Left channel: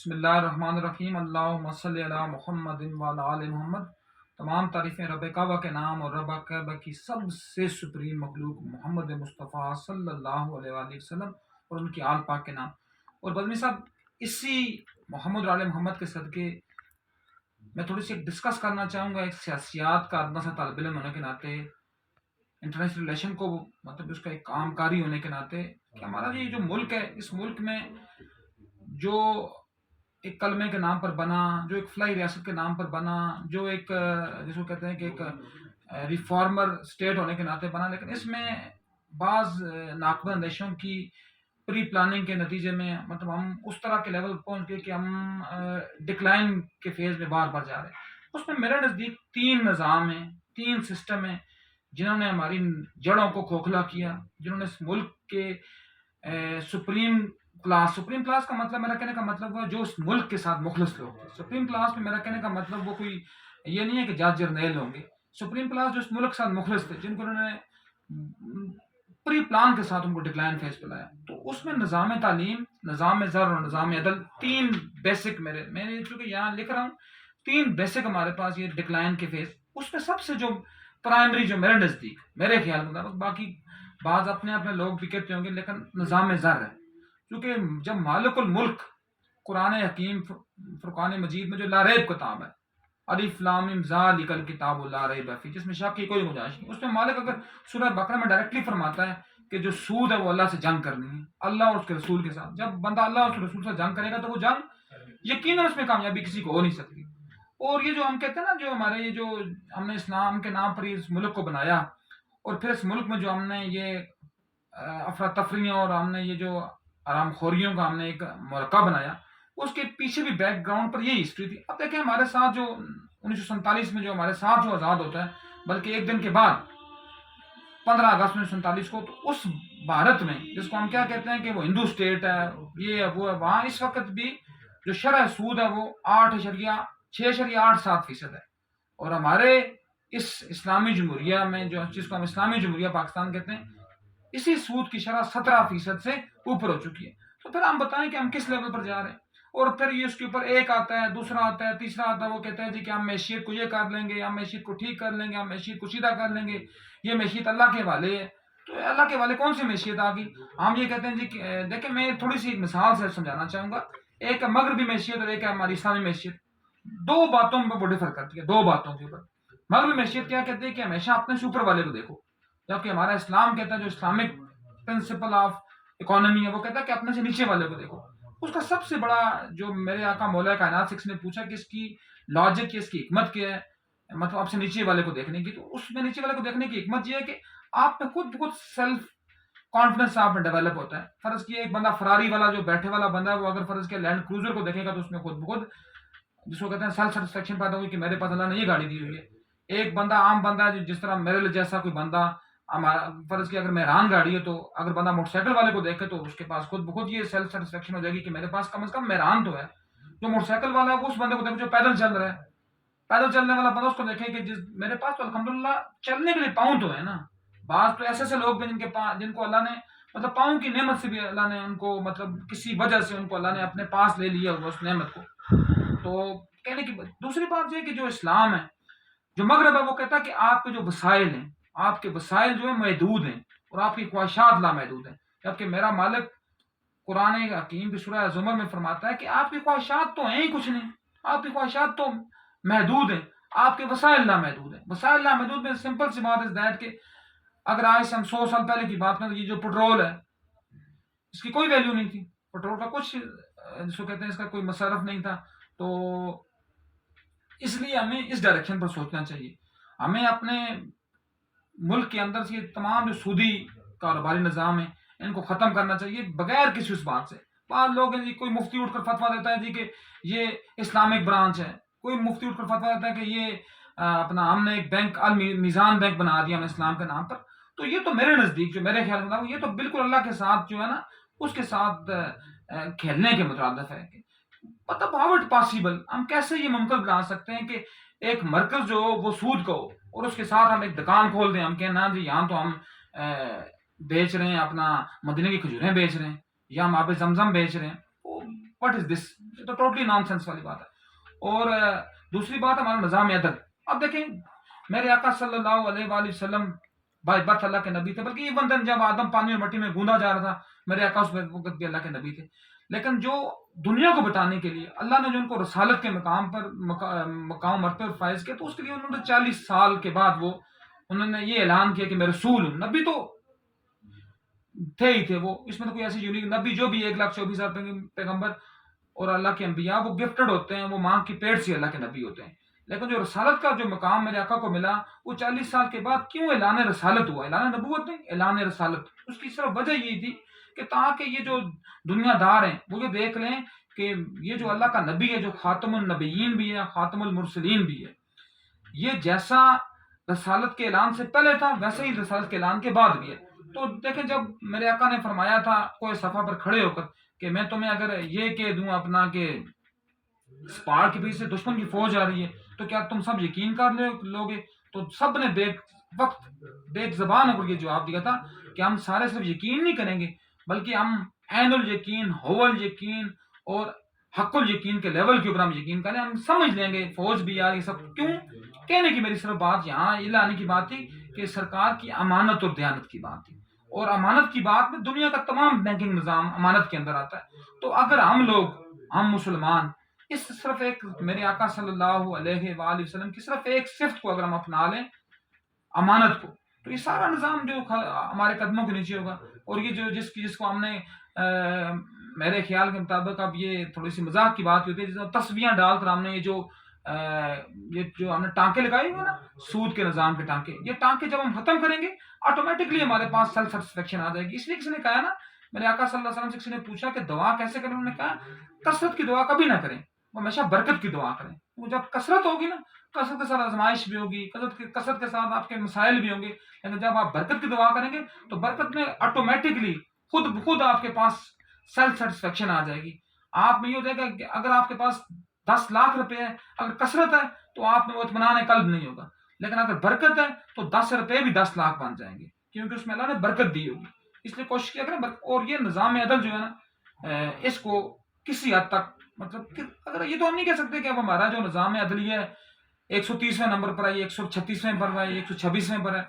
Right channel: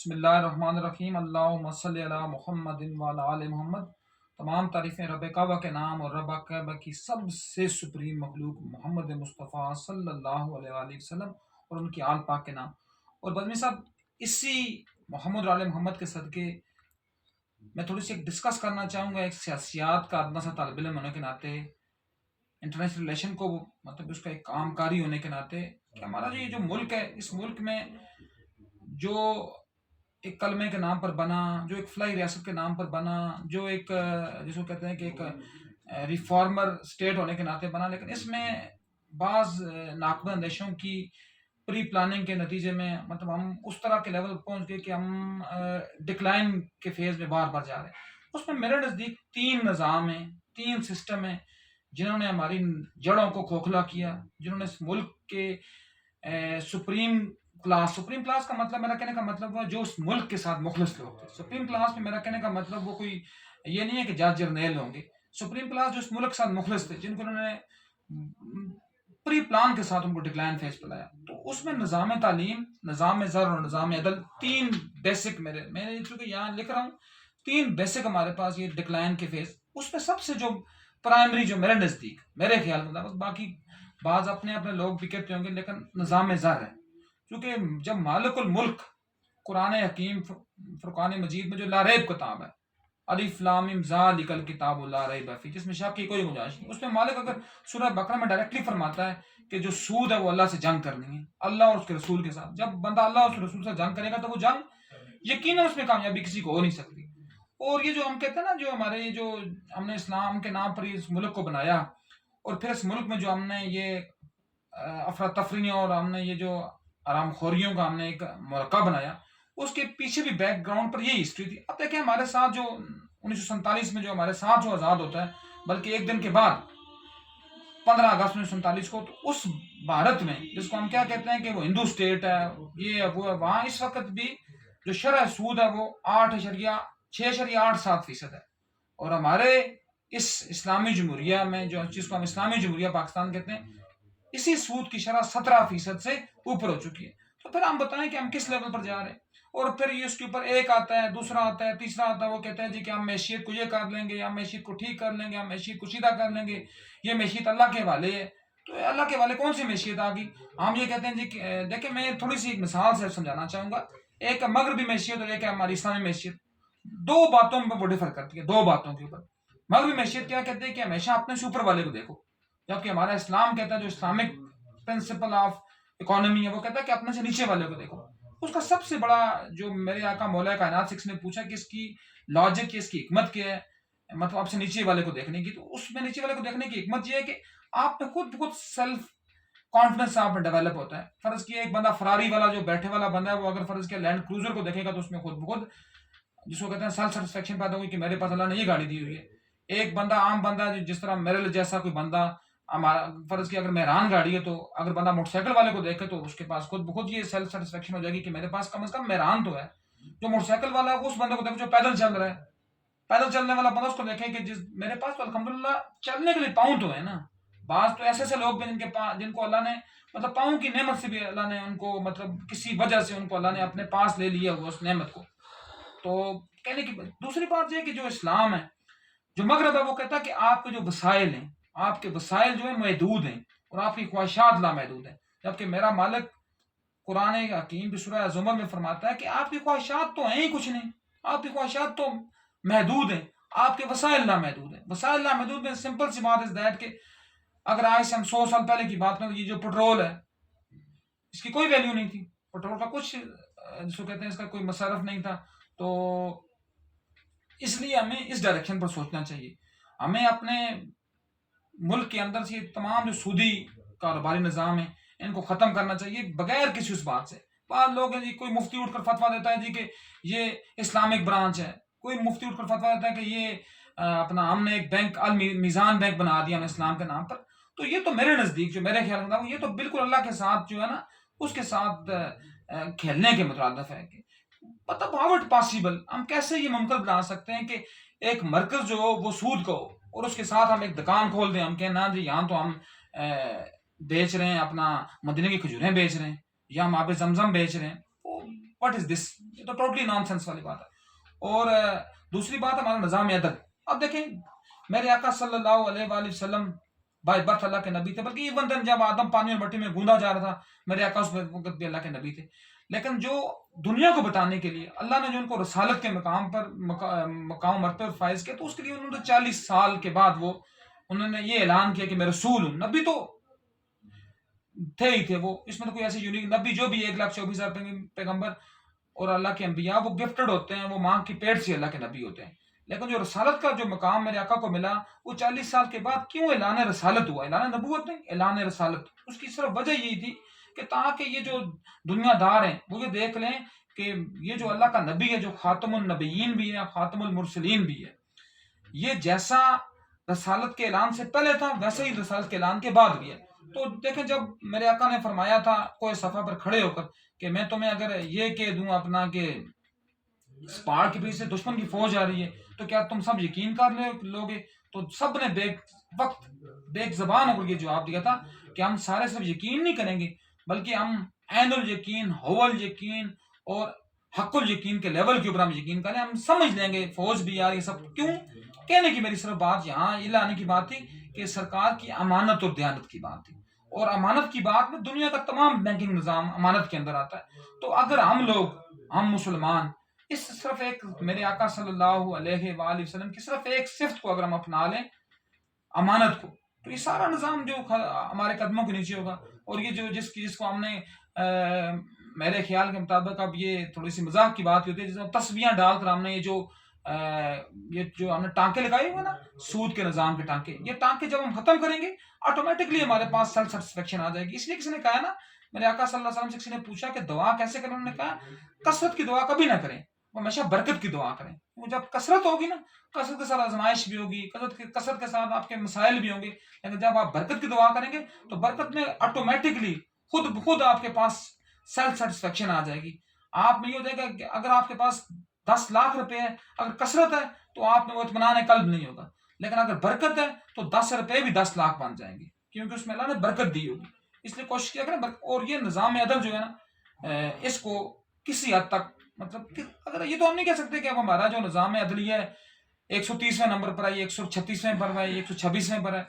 بسم اللہ الرحمن الرحیم، اللہم صلی علی محمد وعلی آل محمد۔ تمام تعریفیں رب کعبہ کے نام اور رب کعبہ کی سب سے سپریم مخلوق محمد مصطفیٰ صلی اللہ علیہ وآلہ وسلم اور ان کی آل پاک کے نام۔ اور بدمی صاحب، اسی محمد اور آل محمد کے صدقے میں تھوڑی سی ڈسکس کرنا چاہوں گا ایک سیاسیات کا ادنا سا طالب علم ہونے کے ناطے، انٹرنیشنل ریلیشن کو مطلب اس کا ایک کام کاری ہونے کے ناطے، کہ ہمارا یہ جو ملک ہے، اس ملک میں جو ایک کلمے کے نام پر بنا، جو ایک فلائی ریاست کے نام پر بنا، جو ایک جس کو کہتے ہیں کہ ایک ریفارمر اسٹیٹ ہونے کے ناطے بنا، لیکن اس میں بعض ناقابل اندیشوں کی پری پلاننگ کے نتیجے میں مطلب ہم اس طرح کے لیول پہنچ گئے کہ ہم ڈکلائن کے فیز میں بار بار جا رہے ہیں۔ اس میں میرے نزدیک تین نظام ہیں، تین سسٹم ہیں جنہوں نے ہماری جڑوں کو کھوکھلا کیا، جنہوں نے اس ملک کے سپریم کلاس کا مطلب، میرا کہنے کا مطلب وہ جو اس ملک کے ساتھ مخلص لوگ تھے۔ سپریم کلاس میں میرا کہنے کا مطلب وہ کوئی یہ نہیں ہے کہ جج جرنیل ہوں گے۔ سپریم کلاس جو اس ملک کے ساتھ مخلص تھے، جن کو انہوں نے پری پلان کے ساتھ ان کو ڈکلائن فیز پلایا۔ تو اس میں نظام تعلیم، نظام زر اور نظام عدل، تین بیسک میں چونکہ یہاں لکھ رہا ہوں، تین بیسک ہمارے پاس یہ ڈکلائن کے فیز۔ اس میں سب سے جو پرائمری جو میرے نزدیک، میرے خیال میں، باقی بعض اپنے لوگ بھی کہتے ہوں گے، لیکن نظام زر ہے۔ کیونکہ جب مالک الملک قرآن حکیم فرقان مجید میں جو لا ریب کتاب ہے، الف لام میم ذالک الکتاب لا ریب فیہ، جس میں شک کی کوئی گنجائش نہیں، اس میں مالک اگر سورہ بقرہ میں ڈائریکٹلی فرماتا ہے کہ جو سود ہے وہ اللہ سے جنگ کرنی ہے، اللہ اور اس کے رسول کے ساتھ۔ جب بندہ اللہ اور اس کے رسول سے جنگ کرے گا تو وہ جنگ یقیناً اس میں کامیابی کسی کو ہو نہیں سکتی۔ اور یہ جو ہم کہتے ہیں نا، جو ہمارے یہ جو ہم نے اسلام کے نام پر اس ملک کو بنایا، اور پھر اس ملک میں جو ہم نے یہ افراتفریوں اور ہم نے یہ جو آرام خوریوں کا ہم نے ایک مرکب بنایا، اس کے پیچھے بھی بیک گراؤنڈ پر یہی ہسٹری تھی۔ اب دیکھیں ہمارے ساتھ جو 1947 میں جو ہمارے ساتھ جو آزاد ہوتا ہے، بلکہ ایک دن کے بعد 15 اگست 1947 کو، تو اس بھارت میں جس کو ہم کیا کہتے ہیں کہ وہ ہندو اسٹیٹ ہے، یہ ہے وہ ہے، وہاں اس وقت بھی جو شرح سود ہے وہ 8.687% ہے۔ اور ہمارے اس اسلامی جمہوریہ میں جو جس کو ہم اسلامی جمہوریہ پاکستان کہتے ہیں، اسی سود کی شرح 17% سے اوپر ہو چکی ہے۔ تو پھر ہم بتائیں کہ ہم کس لیول پر جا رہے ہیں۔ اور پھر یہ اس کے اوپر ایک آتا ہے، دوسرا آتا ہے، تیسرا آتا ہے، وہ کہتے ہیں جی کہ ہم معیشت کو یہ کر لیں گے، ہم معیشت کو ٹھیک کر لیں گے، ہم معیشت کو سیدھا کر لیں گے، یہ معیشت اللہ کے حوالے ہے۔ تو اللہ کے حوالے کون سی معیشت آ گئی؟ ہم یہ کہتے ہیں جی کہ دیکھیں، میں تھوڑی سی ایک مثال سے سمجھانا چاہوں گا۔ ایک ہے مغربی معیشت اور ایک ہے ہماری اسلامی معیشت۔ دو باتوں میں وہ ڈفر کرتی ہے، دو باتوں کے اوپر۔ مغربی معیشت کیا کہتے ہیں کہ ہمیشہ اپنے سے اوپر والے کو دیکھو، جبکہ ہمارا اسلام کہتا ہے، جو اسلامک پرنسپل آف اکانومی ہے، وہ کہتا ہے کہ اپنے سے نیچے والے کو دیکھو۔ اس کا سب سے بڑا جو میرے آقا مولا کائنات 6 نے پوچھا کہ اس کی لاجک، اس کی حکمت کیا ہے، مطلب آپ سے نیچے والے کو دیکھنے کی، تو اس میں نیچے والے کو دیکھنے کی حکمت یہ ہے کہ آپ میں خود بخود سیلف کانفیڈنس آپ میں ڈیولپ ہوتا ہے۔ فرض کیا ایک بندہ فراری والا جو بیٹھے والا بندہ ہے، وہ اگر فرض کیا لینڈ کروزر کو دیکھے گا تو اس میں خود بخود جس کو کہتے ہیں سیلف سیٹسفیکشن پیدا ہوگی کہ میرے پاس اللہ نے یہ گاڑی دی ہوئی ہے۔ ایک بندہ عام بندہ ہے، جس طرح میرے جیسا کوئی بندہ، فرض کیا اگر مہران گاڑی ہے، تو اگر بندہ موٹر سائیکل والے کو دیکھے تو اس کے پاس خود بخود یہ سیلف سیٹسفیکشن ہو جائے گی کہ میرے پاس کم از کم مہران تو ہے۔ جو موٹر سائیکل والا ہے وہ اس بندے کو دیکھے جو پیدل چل رہا ہے، پیدل چلنے والا بندہ اس کو دیکھے کہ میرے پاس تو الحمدللہ چلنے کے لیے پاؤں تو ہے نا۔ بعض تو ایسے لوگ ہیں جن کو اللہ نے مطلب پاؤں کی نعمت سے بھی اللہ نے ان کو مطلب کسی وجہ سے ان کو اللہ نے اپنے پاس لے لیا ہوا اس نعمت کو۔ تو کہنے کی دوسری بات یہ کہ جو اسلام ہے، جو مغرب ہے، وہ کہتا ہے کہ آپ کے جو وسائل ہیں، آپ کے وسائل جو ہیں محدود ہیں اور آپ کی خواہشات لامحدود ہیں، جبکہ میرا مالک قرآن حکیم کی سورہ زمر میں فرماتا ہے کہ آپ کی خواہشات تو ہیں ہی کچھ نہیں، آپ کی خواہشات تو محدود ہیں، آپ کے وسائل لامحدود ہیں۔ وسائل لامحدود میں سمپل سی بات ہے کہ اگر آج سے ہم 100 سال پہلے کی بات کریں، یہ جو پٹرول ہے اس کی کوئی ویلیو نہیں تھی، پٹرول کا کچھ جس کو کہتے ہیں اس کا کوئی مصرف نہیں تھا۔ تو اس لیے ہمیں اس ڈائریکشن پر سوچنا چاہیے۔ ہمیں اپنے ملک کے اندر سے تمام جو سودی کاروباری نظام ہیں ان کو ختم کرنا چاہیے بغیر کسی اس بات سے۔ بعض لوگ ہیں جی، کوئی مفتی اٹھ کر فتویٰ دیتا ہے جی کہ یہ اسلامک برانچ ہے، کوئی مفتی اٹھ کر فتویٰ دیتا ہے کہ یہ اپنا ہم نے ایک بینک المیزان بینک بنا دیا ہم اسلام کے نام پر۔ تو یہ تو میرے نزدیک جو میرے خیال میں یہ تو بالکل اللہ کے ساتھ جو ہے نا اس کے ساتھ کھیلنے کے مترادف ہے۔ کہ مطلب ہاؤ اٹ پاسبل، ہم کیسے یہ ممکن بنا سکتے ہیں کہ ایک مرکز جو ہو وہ سود کا ہو اور اس کے ساتھ ہم ایک دکان کھول دیں، ہم کہیں نا جی یہاں تو ہم بیچ رہے ہیں اپنا مدینے کی کھجوریں بیچ رہے ہیں یا ہم آب زمزم بیچ رہے ہیں۔ واٹ از دس؟ یہ تو ٹوٹلی نان سینس والی بات ہے. اور دوسری بات ہمارا نظام عدل. اب دیکھیں میرے آقا صلی اللہ علیہ وآلہ وسلم بائی برتھ اللہ کے نبی تھے، بلکہ ایون دن جب آدم پانی اور مٹی میں گوندا جا رہا تھا میرے آقا اس وقت بھی اللہ کے نبی تھے. لیکن جو دنیا کو بتانے کے لیے اللہ نے جو ان کو رسالت کے مقام پر مقام مرتبہ پر فائز کیا، تو اس کے لیے انہوں نے 40 سال کے بعد وہ انہوں نے یہ اعلان کیا کہ میں رسول ہوں. نبی تو تھے ہی تھے وہ، اس میں تو کوئی ایسی یونیک نبی جو بھی 1,24,000 پیغمبر اور اللہ کے انبیاء وہ گفٹڈ ہوتے ہیں، وہ ماں کی پیٹ سے اللہ کے نبی ہوتے ہیں. لیکن جو رسالت کا جو مقام میرے آقا کو ملا وہ 40 سال کے بعد کیوں اعلان رسالت ہوا؟ اعلان نبوت نہیں، اعلان رسالت. اس کی صرف وجہ یہی تھی کہ تاکہ یہ جو دنیا دار ہیں وہ یہ دیکھ لیں کہ یہ جو اللہ کا نبی ہے، جو خاتم النبیین بھی ہے، خاتم المرسلین بھی ہے، یہ جیسا رسالت کے اعلان سے پہلے تھا ویسے ہی رسالت کے اعلان کے بعد بھی ہے. تو دیکھیں جب میرے آقا نے فرمایا تھا کوئی صفحہ پر کھڑے ہو کر کہ میں تمہیں اگر یہ کہہ دوں اپنا کہ پہاڑ کے پیچھے سے دشمن کی فوج آ رہی ہے تو کیا تم سب یقین کر لوگے؟ تو سب نے بیک زبان ہو کر یہ جواب دیا تھا کہ ہم سارے صرف یقین نہیں کریں گے بلکہ ہم عین الیقین، ہو الیقین اور حق الیقین کے لیول کے اوپر ہم یقین کریں، ہم سمجھ لیں گے فوج بھی آ رہی سب. کیوں کہنے کی میری صرف بات یہاں یہ لانے کی بات تھی کہ سرکار کی امانت اور دیانت کی بات تھی، اور امانت کی بات میں دنیا کا تمام بینکنگ نظام امانت کے اندر آتا ہے. تو اگر ہم مسلمان اس صرف ایک میرے آقا صلی اللہ علیہ وآلہ وسلم کی صرف ایک صفت کو اگر ہم اپنا لیں، امانت کو، تو یہ سارا نظام جو ہمارے قدموں کے نیچے ہوگا. اور یہ جو جس کو ہم نے میرے خیال کے مطابق اب یہ تھوڑی سی مذاق کی بات ہوتی ہے، جس میں تصویاں ڈال کر ہم نے یہ جو ہم نے ٹانکے لگائے ہوئے نا سود کے نظام کے ٹانکے، یہ ٹانکے جب ہم ختم کریں گے آٹومیٹکلی ہمارے پاس سیلف سیٹسفیکشن آ جائے گی. اس لیے کسی نے کہا نا، میرے آقا صلی اللہ علیہ وسلم سے کسی نے پوچھا کہ دعا کیسے کریں، انہوں نے کہا کثرت کی دعا کبھی نہ کریں، ہمیشہ برکت کی دعا کریں. وہ جب کثرت ہوگی نا، کثرت کے ساتھ آزمائش بھی ہوگی، کثرت کے ساتھ آپ کے مسائل بھی ہوں گے، لیکن جب آپ برکت کی دعا کریں گے تو برکت میں آٹومیٹکلی خود بخود آپ کے پاس سیلف سیٹسفیکشن آ جائے گی. آپ میں یہ ہو جائے گا کہ اگر آپ کے پاس 10 لاکھ روپے ہے، اگر کثرت ہے تو آپ میں وہ اطمینان قلب نہیں ہوگا، لیکن اگر برکت ہے تو 10 روپے بھی 10 لاکھ بن جائیں گے، کیونکہ اس میں اللہ نے برکت دی ہوگی. اس لیے کوشش کیا کریں. اور یہ نظام عدل جو ہے نا، اس کو کسی حد تک مطلب کہ اگر یہ تو ہم نہیں کہہ سکتے کہ اب ہمارا جو نظام عدلیہ ہے 130ویں نمبر پر ہے، 136ویں پر ہے، 126ویں پر ہے،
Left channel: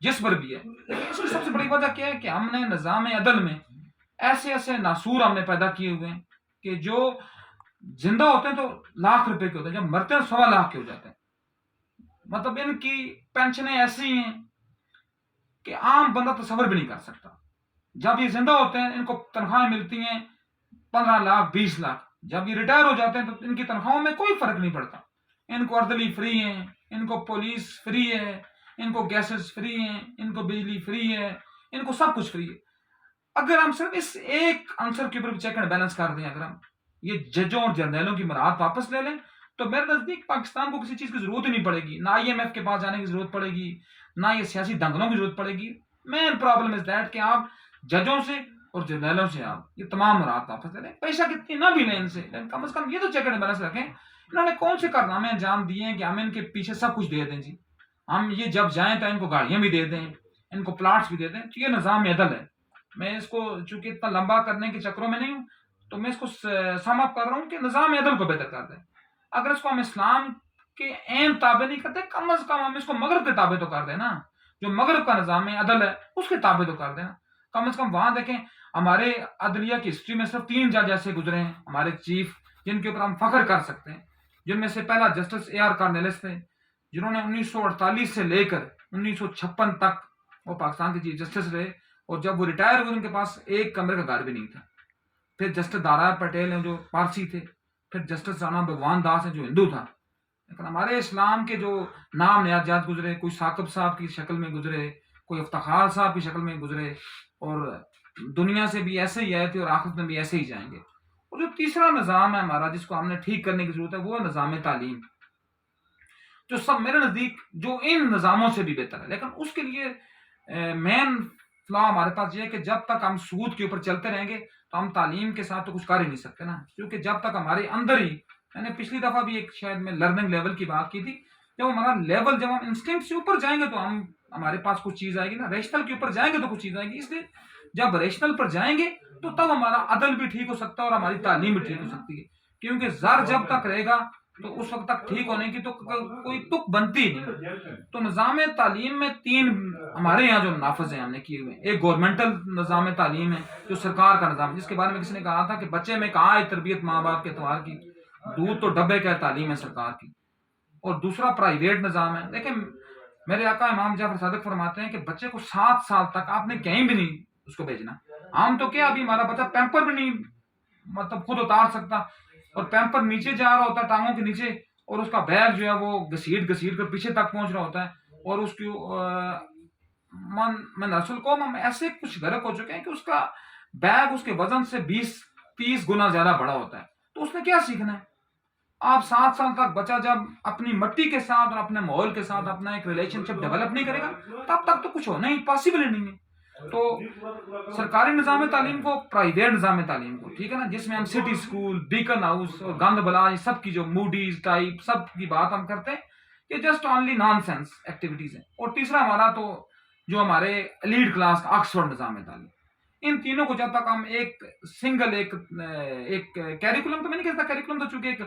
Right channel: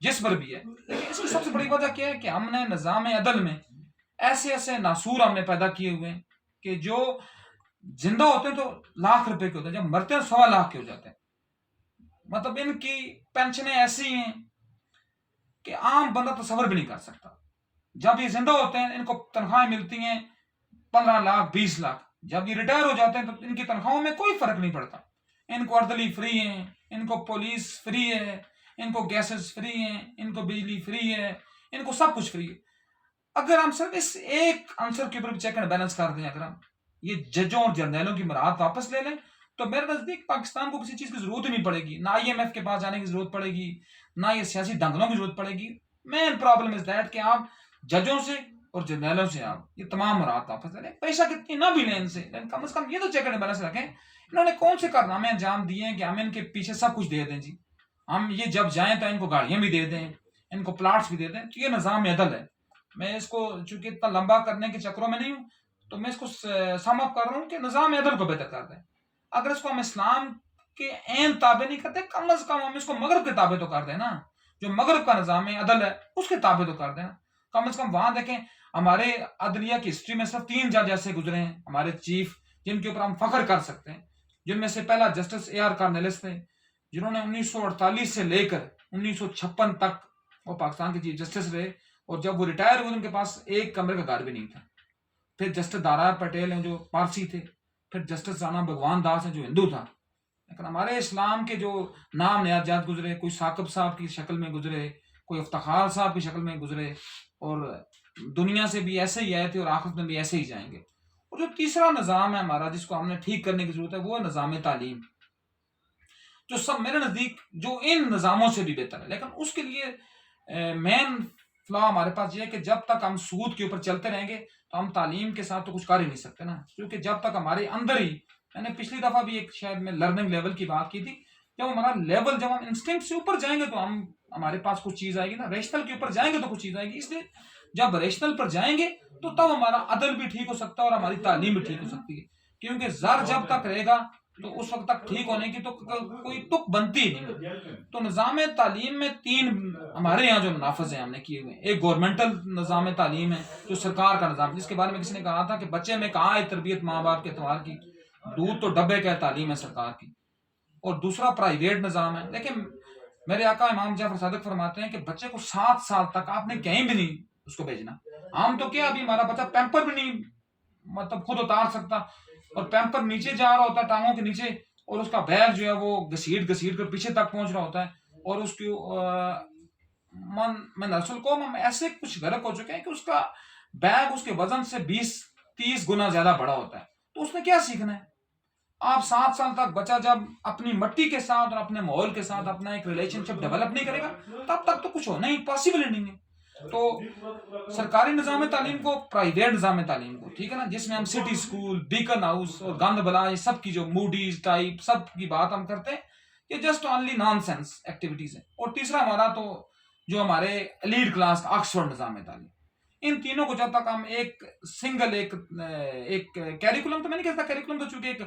جس پر بھی ہے. لیکن اس کی سب سے بڑی وجہ کیا ہے کہ ہم نے نظام عدل میں ایسے ناسور ہم نے پیدا کیے ہوئے ہیں کہ جو زندہ ہوتے ہیں تو لاکھ روپے کے ہوتے ہیں، جب مرتے ہیں 1.25 لاکھ کے ہو جاتے ہیں. مطلب ان کی پینشنیں ایسی ہیں کہ عام بندہ تصور بھی نہیں کر سکتا. جب یہ زندہ ہوتے ہیں ان کو تنخواہیں ملتی ہیں 15 لاکھ 20 لاکھ، جب یہ ریٹائر ہو جاتے ہیں تو ان کی تنخواہوں میں کوئی فرق نہیں پڑتا. ان کو اردلی فری ہیں، ان کو پولیس فری ہے، ان کو گیسز فری ہیں، ان کو بجلی فری ہے، ان کو سب کچھ فری ہے. اگر ہم صرف اس ایک عنصر کے اوپر چیک اینڈ بیلنس کر دیں، اگر ہم یہ ججوں اور جرنیلوں کی مراحت واپس لے لیں تو میرے نزدیک پاکستان کو کسی چیز کی ضرورت ہی نہیں پڑے گی. نہ IMF کے پاس جانے کی ضرورت پڑے گی، نہ یہ سیاسی دنگلوں کی ضرورت پڑے گی. مین پرابلم از دیٹ کہ آپ ججوں سے اور جرنیلوں سے آپ یہ تمام مراحت واپس لے لیں. پیسہ کتنی نہ بھی لیں ان سے، لیکن کم از کم یہ تو چیک اینڈ بیلنس رکھیں. انہوں نے کون سے کارنامے انجام دیے ہیں کہ ہم ان کے پیچھے سب کچھ دے دیں جی، ہم یہ جب جائیں تو ان کو گاڑیاں بھی دے دیں، ان کو پلاٹس بھی دے دیں. تو یہ نظام عدل ہے. میں اس کو چونکہ اتنا لمبا کرنے کے چکروں میں نہیں ہوں تو میں اس کو سم اپ کر رہا ہوں کہ نظام عدل کو بہتر کر دیں. اگر اس کو ہم اسلام کے عین تابع نہیں کرتے، کم از کم ہم اس کو مغرب کے تابع تو کر دیں نا. جو مغرب کا نظام عدل ہے اس کے تابع تو کر دیں نا. کم از کم وہاں دیکھیں ہمارے عدلیہ کی ہسٹری میں صرف 3 جج ایسے گزرے ہیں ہمارے چیف جن کے اوپر ہم فخر کر سکتے ہیں، جن میں سے پہلا جسٹس AR کارنیلس تھے، جنہوں نے 1948 سے لے کر 1956 تک وہ پاکستان کے چیف جسٹس رہے، اور جب وہ ریٹائر ہوئے ان کے پاس ایک کمرے کا گھر بھی نہیں تھا. پھر جسٹس دارا پٹیل ہیں جو پارسی تھے، پھر جسٹس رانا بھگوان داس ہیں جو ہندو تھا. لیکن ہمارے اسلام کے جو نام نیاد جات گزرے، کوئی ثاقب صاحب کی شکل میں گزرے، کوئی افتخار صاحب کی شکل میں گزرے، اور دنیا سے بھی ایسے ہی آئے تھے اور آخرت میں بھی ایسے ہی جائیں گے. اور جو تیسرا نظام ہے ہمارا جس کو ہم نے ٹھیک کرنے کی ضرورت ہے وہ نظام تعلیم، جو سب میرے نزدیک جو ان نظاموں سے بھی بہتر ہے. لیکن اس کے لیے مین فلا ہمارے پاس یہ ہے کہ جب تک ہم سود کے اوپر چلتے رہیں گے تو ہم تعلیم کے ساتھ تو کچھ کر ہی نہیں سکتے نا. کیونکہ جب تک ہمارے اندر ہی، میں نے پچھلی دفعہ بھی ایک شاید میں لرننگ لیول کی بات کی تھی، جب ہمارا لیول جب ہم انسٹنکٹ سے اوپر جائیں گے تو ہمارے پاس کچھ چیز آئے گی نا. ریشنل کے اوپر جائیں گے تو کچھ چیز آئے گی. اس لیے جب ریشنل پر جائیں گے تو تب ہمارا عدل بھی ٹھیک ہو سکتا ہے اور ہماری تعلیم بھی ٹھیک ہو سکتی ہے. کیونکہ زر جب تک رہے گا تو اس وقت تک ٹھیک ہونے کی تو کوئی تک بنتی ہی نہیں ہے. تو نظام تعلیم میں 3 ہمارے یہاں جو نافذ ہیں ہم نے کیے ہوئے ہیں. ایک گورنمنٹل نظام تعلیم ہے جو سرکار کا نظام، جس کے بارے میں کسی نے کہا تھا کہ بچے میں کہاں ہے تربیت ماں باپ کے اعتبار کی، دودھ تو ڈبے کا ہے، تعلیم ہے سرکار کی. اور دوسرا پرائیویٹ نظام ہے. لیکن میرے آقا امام جعفر صادق فرماتے ہیں کہ بچے کو 7 سال تک آپ نے کہیں بھی نہیں اس کو بھیجنا. ہم تو کیا ابھی ہمارا بچہ پیمپر بھی نہیں مطلب خود اتار سکتا، اور پیمپر نیچے جا رہا ہوتا ہے ٹانگوں کے نیچے، اور اس کا بیگ جو ہے وہ گھسیٹ گھسیٹ کر پیچھے تک پہنچ رہا ہوتا ہے. اور اس کی من رسول کو ہم ایسے کچھ غرق ہو چکے ہیں کہ اس کا بیگ اس کے وزن سے 20-30 گنا زیادہ بڑا ہوتا ہے. تو اس نے کیا سیکھنا ہے؟ آپ 7 سال تک بچہ جب اپنی مٹی کے ساتھ اور اپنے ماحول کے ساتھ اپنا ایک ریلیشن شپ ڈیولپ نہیں کرے گا، تب تک تو کچھ ہونا ہی پاسبل نہیں ہے. تو سرکاری نظام تعلیم کو، پرائیویٹ نظام تعلیم کو، ٹھیک ہے نا، جس میں ہم سٹی اسکول، بیکن ہاؤس اور گند بلا، یہ سب کی جو موڈیز ٹائپ سب کی بات ہم کرتے ہیں، یہ just only non sense activities ہیں. اور تیسرا ہمارا تو جو ہمارے لیڈ کلاس کا آکسفورڈ نظام تعلیم، ان تینوں کو جب تک ہم ایک سنگل ایک کیریکولم، تو میں نہیں کہتا کیریکولم، تو چونکہ ایک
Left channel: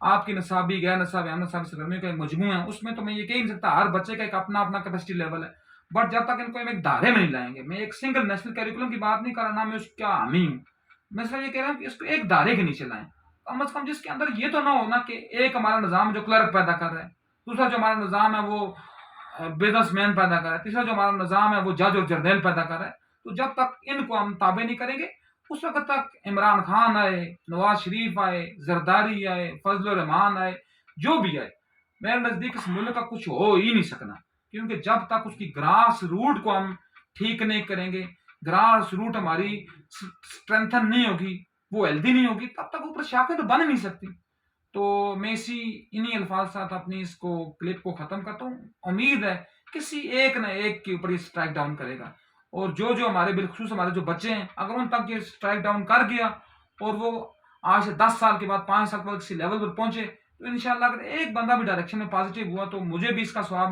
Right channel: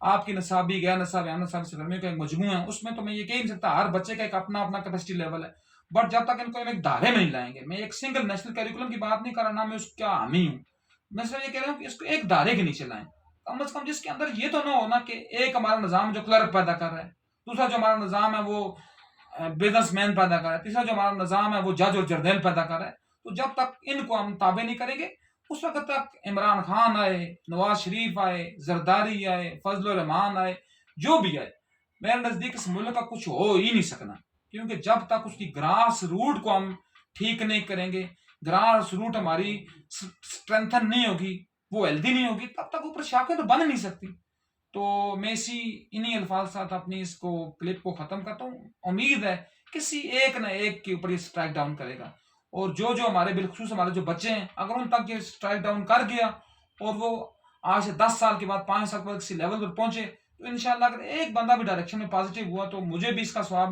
آپ کی نصابی غیر نصابی ہم نصابی سرگرمیوں کا ایک مجموعہ ہے، اس میں تو میں یہ کہہ نہیں سکتا، ہر بچے کا ایک اپنا اپنا کیپیسٹی لیول ہے. بٹ جب تک ان کو ہم ایک دائرے میں نہیں لائیں گے، میں ایک سنگل نیشنل کیریکولم کی بات نہیں کر رہا، نہ میں اس کا حامی ہوں، میں صرف یہ کہہ رہا ہوں کہ اس کو ایک دائرے کے نیچے لائیں. کم از کم جس کے اندر یہ تو نہ ہونا کہ ایک ہمارا نظام جو کلرک پیدا کر رہا ہے، دوسرا جو ہمارا نظام ہے وہ بزنس مین پیدا کر رہا ہے، تیسرا جو ہمارا نظام ہے وہ جج اور جرنیل پیدا کر رہا ہے. تو جب تک ان کو ہم تابع نہیں کریں گے، اس وقت تک عمران خان آئے، نواز شریف آئے، زرداری آئے، فضل الرحمان آئے، جو بھی آئے، میرے نزدیک اس ملک کا کچھ ہو ہی نہیں سکنا. کیونکہ جب تک اس کی گراس روٹ کو ہم ٹھیک نہیں کریں گے، گراس روٹ ہماری اسٹرینتھن نہیں ہوگی، وہ ہیلدی نہیں ہوگی، تب تک اوپر شاخیں تو بن نہیں سکتی. تو میں انہی الفاظ ساتھ اپنی اس کو کلپ کو ختم کرتا ہوں. امید ہے کسی ایک نہ ایک کے اوپر یہ اسٹرائک ڈاؤن کرے گا، اور جو ہمارے بالخصوص ہمارے جو بچے ہیں، اگر ان تک یہ اسٹرائک ڈاؤن کر گیا اور وہ آج سے 10 سال کے بعد 5 سال کے بعد کسی لیول پر پہنچے، تو انشاءاللہ اگر ایک بندہ بھی ڈائریکشن میں پازیٹیو ہوا تو مجھے بھی اس کا ثواب